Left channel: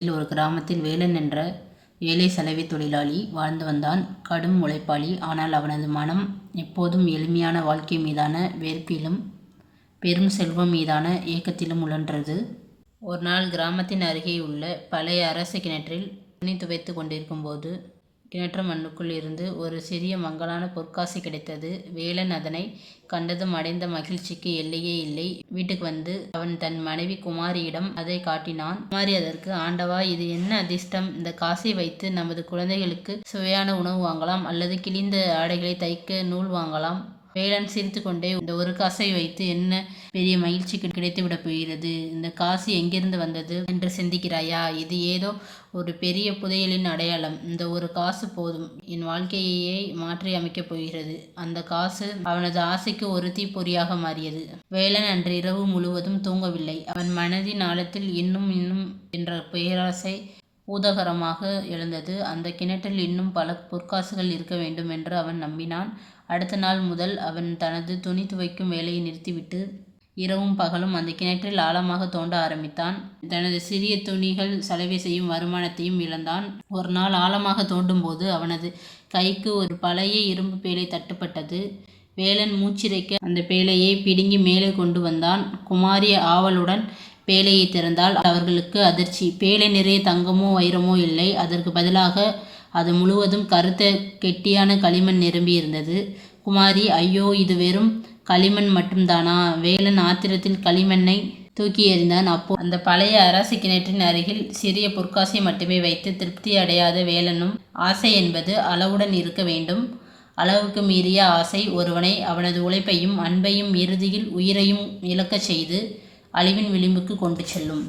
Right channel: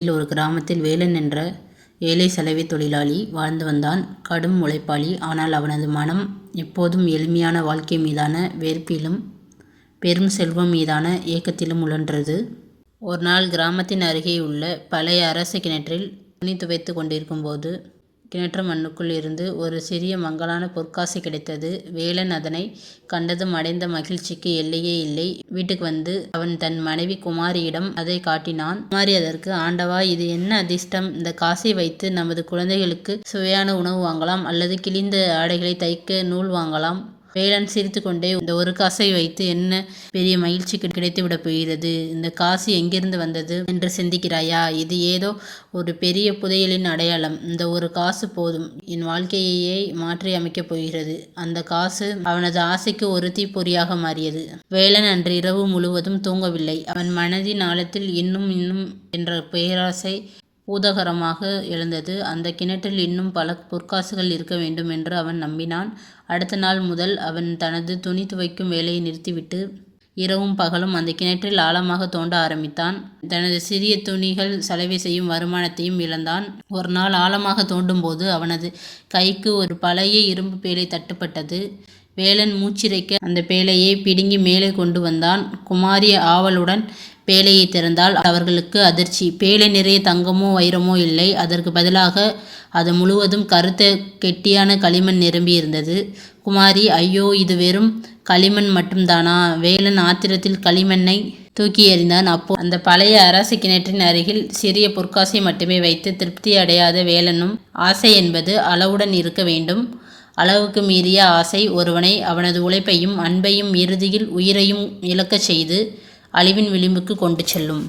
ஒரு கிராமத்தில் வேலன் என்ற ஏழை சலவை தொழிலாளி வாழ்ந்து வந்தான். கடும் உழைப்பாளி. ஆனால் அவனது மனம் எப்போதும் எளிமையான வாழ்க்கை மீதான வெறுப்பிலும் பெரும் செல்வம் மீதான ஏக்கத்திலும் உழன்றது. ஒரு நாள் கிராமத்தின் அருகே உள்ள பழைய அரசு கிணற்றில் துணி துவைத்து கொண்டிருக்கும் போது கிணற்று மண்ணுக்குள் இருந்து ஒரு சிறிய மங்கலான பொற்காசு கிடைத்தது. வேலன் அதனை கண்டதும் அடைந்த மகிழ்ச்சிக்கு எல்லையே இல்லை. வீட்டுக்கு வந்து அவன் தன் மனைவி குமாரியிடம் அதை காட்டினான். குமாரி அதற்கு, ஆண்டவா, இது என்ன அதிர்ஷ்டம்! இந்த காசை வைத்து நமது குழந்தைகளுக்கு சுவையான உணவு வாங்கலாம், அல்லது கிழிந்த ஆடைகளை தைக்க நூல் வாங்கலாம். வேலன் சிரித்து கொண்டே, இந்த ஒரு காசை வைத்து என்ன பெரிய மகிழ்ச்சி கிடைத்துவிடப் போகிறது? இந்த காசு எங்கிருந்து வந்தது என்று சிந்திக்கிறாயா? இது ஏதோ ஒரு பெரிய புதையலின் அடையாளம். இந்த ஒரு காசு போதும், என் வாழ்க்கையையே மாற்றி அமைக்கப் போகிறது. அந்த காசு அவனது ஆசைக்கு ஒரு தீப்பொறியாக மாறியது. வேலன் அன்று இரவு முழுவதும் தூங்கவில்லை. அவன் மனதின் ஆழத்தில் இன்னும் என்ற பேராசை பூதாகரமாக எழுந்தது. அந்த கிணற்றில் இன்னும் பல பொற்காசுகள் இருக்க வேண்டும் என்று அவன் நம்பினான். அடுத்த நாள் முதல் அவன் தனது துணி துவைக்கும் வேலையை நிறுத்திவிட்டு இரவும் பகலும் அந்த கிணற்றில் ஆழமாக தோண்ட ஆரம்பித்தான். தனது சிறிய துணிகள் சலவை செய்யும் வருமானத்தையும் இழந்தான். ஒரு நாள் ஆழமாக தோண்டும் போது அவனது கைக்கு ஒரு பழைய இரும்பு பேழை தட்டுப்பட்டது. வேலன் மூச்சிறைக்க அந்த பேழையை பிடுங்கி மேலே கொண்டு வந்தான். குமாரி ஆவலுடன் பேழையை திறந்தால் அவர்களுக்கு அதிர்ச்சி. பேழை நிறைய தங்கமோ வைரமோ இல்லை. அதற்கு பதிலாக அது முழுவதும் கருத்த கெட்டியான களிமண் நிரம்பி இருந்தது. குமாரி, ஐயோ, இது வெறும் களிமண் மட்டும்தானா? வேலன் ஆத்திரத்தில் களிமண்ணை தூக்கி எறிந்தான். அப்போ அந்த பழைய அரசு கிணற்றின் அருகில் சிறிய பொற்காசை மட்டுமே வைத்து திருப்தி அடையாத வேலனும், ஆசை என்பது அளவுடன் இருக்க வேண்டும். அளவுக்கு மீறிய ஆசை ஒருவனை அவனது உழைப்பையும் அன்பையும் இறுதியில் உயிரையும் இழக்கச் செய்து அழிவின் விளிம்புக்கு கொண்டு செல்லும்.